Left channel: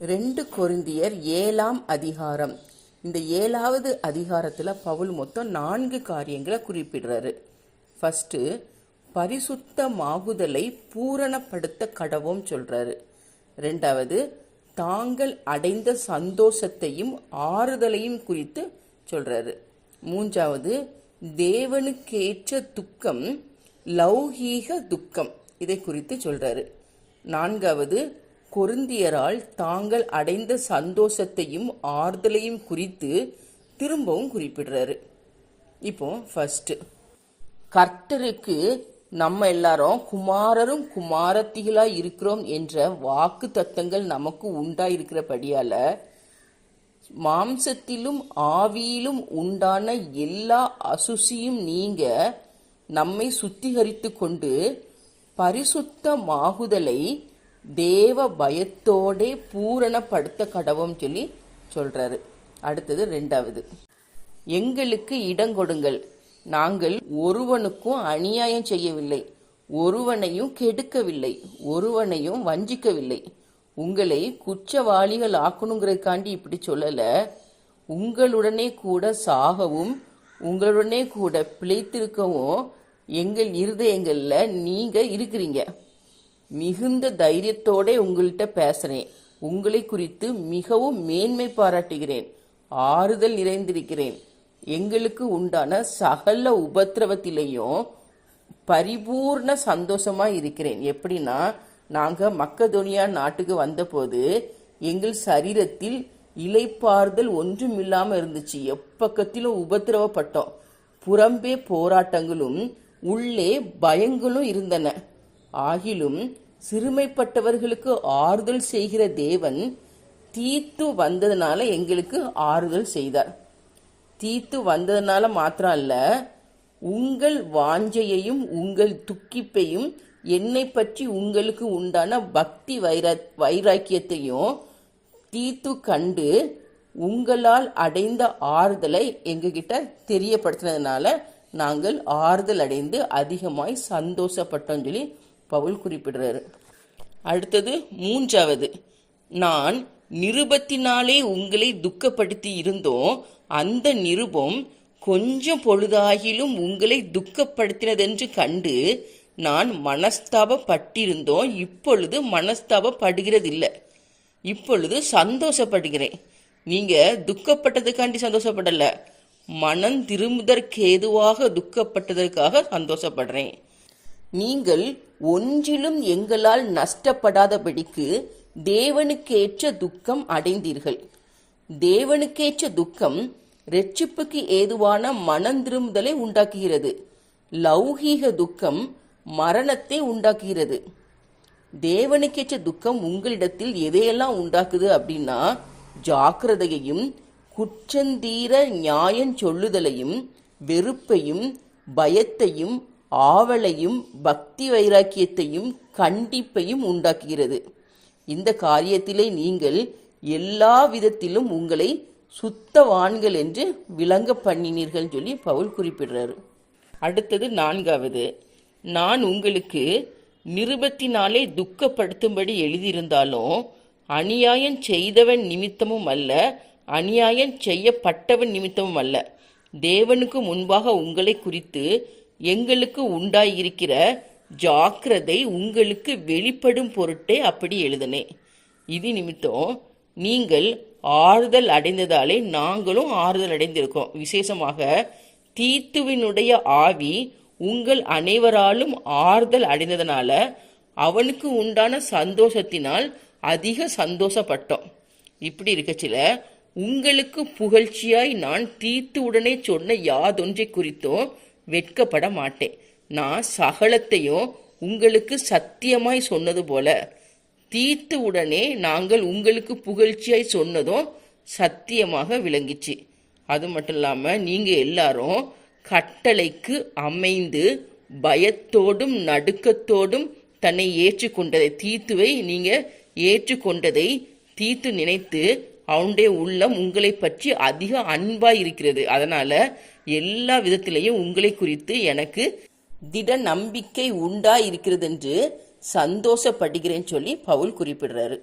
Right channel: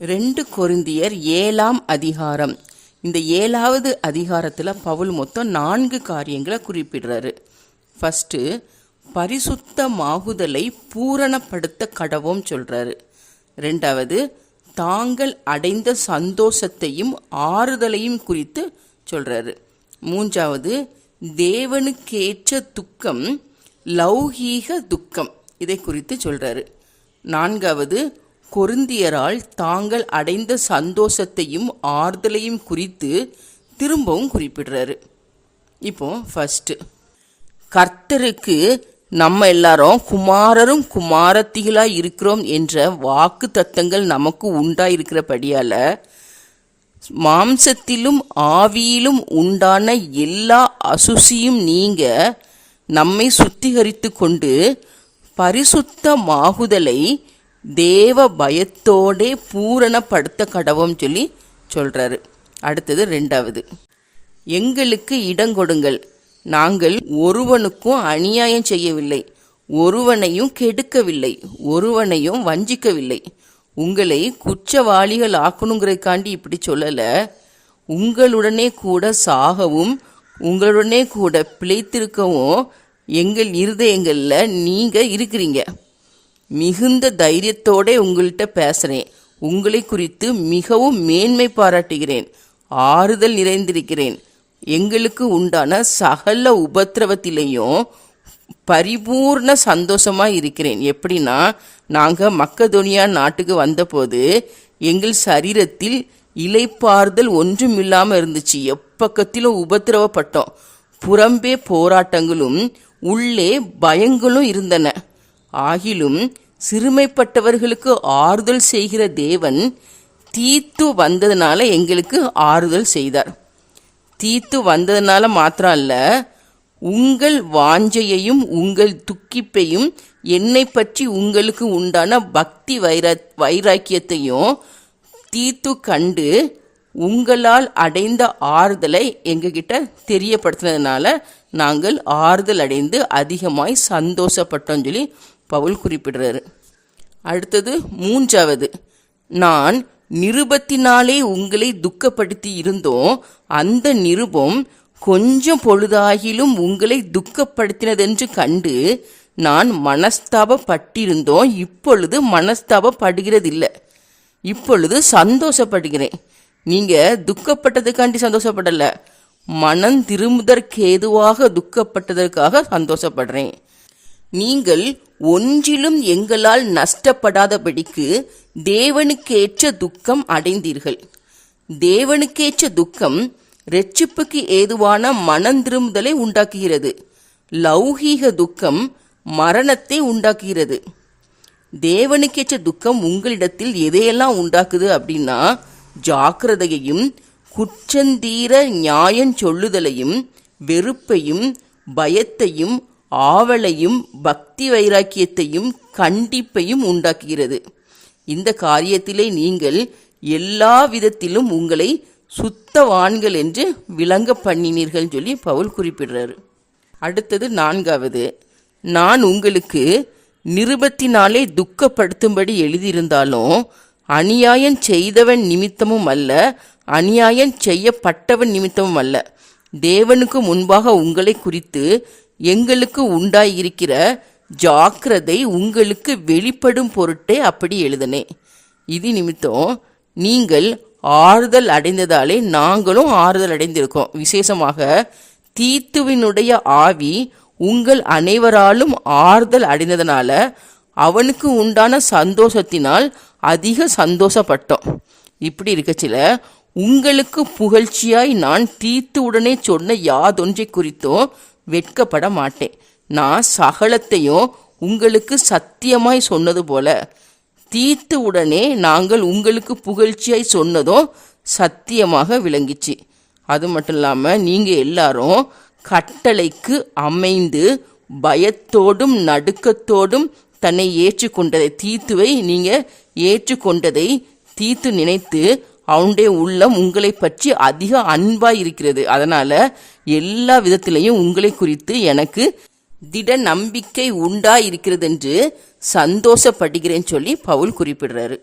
ரெண்டு கொருந்தியர் ஏழாம் அதிகாரம். இந்த ஏழாவது அதிகாரத்தில் பவுல் மொத்தம் நான்கு காரியங்களை குறிப்பிடுறாரு. ஃபஸ்ட்டு பரிசுத்தமாகுதலை பூரணப்படுத்த கடவும் சொல்கிறாரு ரெண்டாவது தாங்கள் அடைந்த சந்தோஷத்தையும் ஆறுதலையும் குறித்து சொல்கிறாரு மூன்றாவது தேவனுக்கேற்ற துக்கம் லௌகீக துக்கம் இதை குறித்து சொல்கிறாரு நான்காவது கொருந்தியரால் தாங்கள் அடைந்த சந்தோஷத்தையும் ஆறுதலையும் குறித்து திரும்பவும் குறிப்பிடுறாரு. இப்போ ஃபஸ்ட்டு கர்த்தருக்கு நம்ம எல்லாரும் குமாரரும் குமாரத்திகளாக இருக்கிறோம் என்ற வாக்கு தத்தங்கள் நமக்கு உண்டாயிருக்கிறபடியால் மாம்சத்திலும் ஆவியிலும் உண்டான எல்லா அசுசியும் நீங்க நம்மை சுத்திகரித்து கொண்டு பரிசுத்தமாகுதலை தேவ பயத்தோடே பூரணப்படுத்த கடவும் சொல்லி சொல்றாரு. அடுத்தது ரெண்டாவது. எங்களுக்கு இடங்கொடுங்கள் நாங்கள் ஒருவனுக்கும் அநியாயம் செய்யவில்லை. ஒருவனையும் கெடுக்கவில்லை. ஒருவனையும் வஞ்சிக்கவில்லை. உங்களை குற்றவாளிகள் ஆக்கணுங்கிறதுக்காண்டி இப்படி சொல்லலை. உங்களுடனே கூட சாகவும் உங்களுடனே கூட பிழைத்திருக்கவும் எங்கள் இருதயங்களில் நீங்கள் இருக்கிறீங்க. மிகுந்த தைரியத்தோட உங்கள்கிட்ட பேசுகிறேன் உங்களை குறித்து மிகவும் மேன்மை பாராட்டுகிறேன். ஆறுதல் நிறைந்திருக்கிறேன். எங்களுக்கு உண்டான சகல உபத்திரவத்திலையும் பரிபூர்ண சந்தோஷமாக இருக்கிறேன். எப்படின்னா நாங்கள் மக்கதொனியா நாட்டுக்கு வந்தபோது எங்கள் சரீரத்தில் இலைப்பாறுதல் ஒன்றும் இல்லாமல் இருந்துச்சு. எப்பக்கத்திலும் உபத்திரவப்பட்டோம். புறம்பே போராட்டங்களும் உள்ளே பயங்களும் இருந்தன. ஆகிலும் சிறுமைப்பட்டவர்களுக்கு ஆறுதல் செய்கிற தேவன் தீத்து வந்ததுனால எங்களுக்கு ஆறுதல் செய்தார். தீத்து வந்ததுனால மாத்திரம் அல்ல உங்கள் வாஞ்சையையும் உங்கள் துக்கிப்பையும் என்னை பற்றி உங்களுக்கு உண்டான பக்தி வைரா வைராக்கியத்தையும் தீத்து கண்டு உங்களால் அடைந்த ஆறுதலை எங்ககிட்ட தெரியப்படுத்தினதுனால நாங்கள் ஆறுதல் அடைந்து அதிகமாய் சந்தோஷப்பட்டோம் சொல்லி பவுல் குறிப்பிடுறாரு. அடுத்தது மூன்றாவது. நான் நிருபத்தினாலே உங்களை துக்கப்படுத்தி இருந்தோம் அந்த நிருபம் கொஞ்சம் பொழுதாகிலும் உங்களை துக்கப்படுத்தினதென்று கண்டு நான் மனஸ்தாபப்பட்டிருந்தோம். இப்பொழுது மனஸ்தாபப்படுகிறதில்லை. இப்பொழுது சந்தோஷப்படுகிறேன். நீங்கள் துக்கப்பட்டதுக்காண்டி சந்தோஷப்படலை. மனம் திரும்புதற்கேதுவாக துக்கப்பட்டதற்காக சந்தோஷப்படுறேன். நீங்கள் ஒன்றிலும் எங்களால் நஷ்டப்படாதபடிக்கு தேவனுக்கேற்ற துக்கம் அடைந்தீர்கள். தேவனுக்கேற்ற துக்கம் ரெச்சிப்புக்கு ஏதுவான மனம் திரும்புதலை உண்டாக்குகிறது. லௌகீக துக்கம் மரணத்தை உண்டாக்குகிறது. தேவனுக்கேற்ற துக்கம் உங்களிடத்தில் எதையெல்லாம் உண்டாக்குது அப்படின்னா ஜாக்கிரதையையும் குற்றந்தீர நியாயம் சொல்லுதலையும் வெறுப்பையும் பயத்தையும் ஆவலையும் பக்தி வைராக்கியத்தையும் கண்டிப்பையும் உண்டாக்குகிறது. இந்த காரியத்திலே நீங்கள் எல்லா விதத்திலும் உங்களை சுத்தவான்கள் என்று விளங்க பண்ணினீர்கள் சொல்லி பவுல் குறிப்பிடுறாரு. அடுத்தது நான்காவது நான் உங்களுக்கு நிருபத்தினாலே துக்கப்படுத்தும்படி எழுதியிருந்தாலும் அநியாயம் செய்தவன் நிமித்தமும் அல்ல அநியாயம் செய்யப்பட்டவன் நிமித்தமும் அல்ல. தேவனுக்கு முன்பாக உங்களை குறித்து எங்களுக்கு உண்டாயிருக்கிற ஜாக்கிரதை உங்களுக்கு வெளிப்படும் பொருட்டே அப்படி எழுதனே இது நிமித்தம் நீங்கள் ஆறுதல் அடைந்ததாலே நாங்களும் ஆறுதல் அடைந்திருக்கோம். விசேஷமாக தீத்துவினுடைய ஆவி உங்கள் அனைவராலும் ஆறுதல் அடைந்ததனால அவனுக்கு உண்டான சந்தோஷத்தினால் அதிக சந்தோஷப்பட்டோம். இப்படி இருக்கச்சில உங்களுக்கு புகழ்ச்சியாய் நான் தீத்து உடனே சொன்ன யாதொன்றை குறித்தும் வெட்கப்பட மாட்டேன் நான் சகலத்தையும் உங்களுக்கு சத்தியமாய் சொன்னது போல. தீர்த்த உடனே நாங்கள் உங்களுக்கு புகழ்ச்சியாய் சொன்னதும் சத்தியமாக விளங்கிச்சு. அது மட்டும் இல்லாமல் நீங்கள் எல்லாரும் கட்டளைக்கு அமைந்து பயத்தோடும் நடுக்கத்தோடும் தன்னை ஏற்றுக்கொண்டதை தீத்துவை நீங்கள் ஏற்றுக்கொண்டதை தீத்து நினைத்து அவனுடைய உள்ளம் உங்களை பற்றி அதிக அன்பாக இருக்கிறது அதனால் எல்லா விதத்திலையும் உங்களை குறித்து எனக்கு திட நம்பிக்கை உண்டா இருக்கிறது என்று சந்தோஷப்படுகிறேன்னு சொல்லி பவுல் குறிப்பிடுறாரு.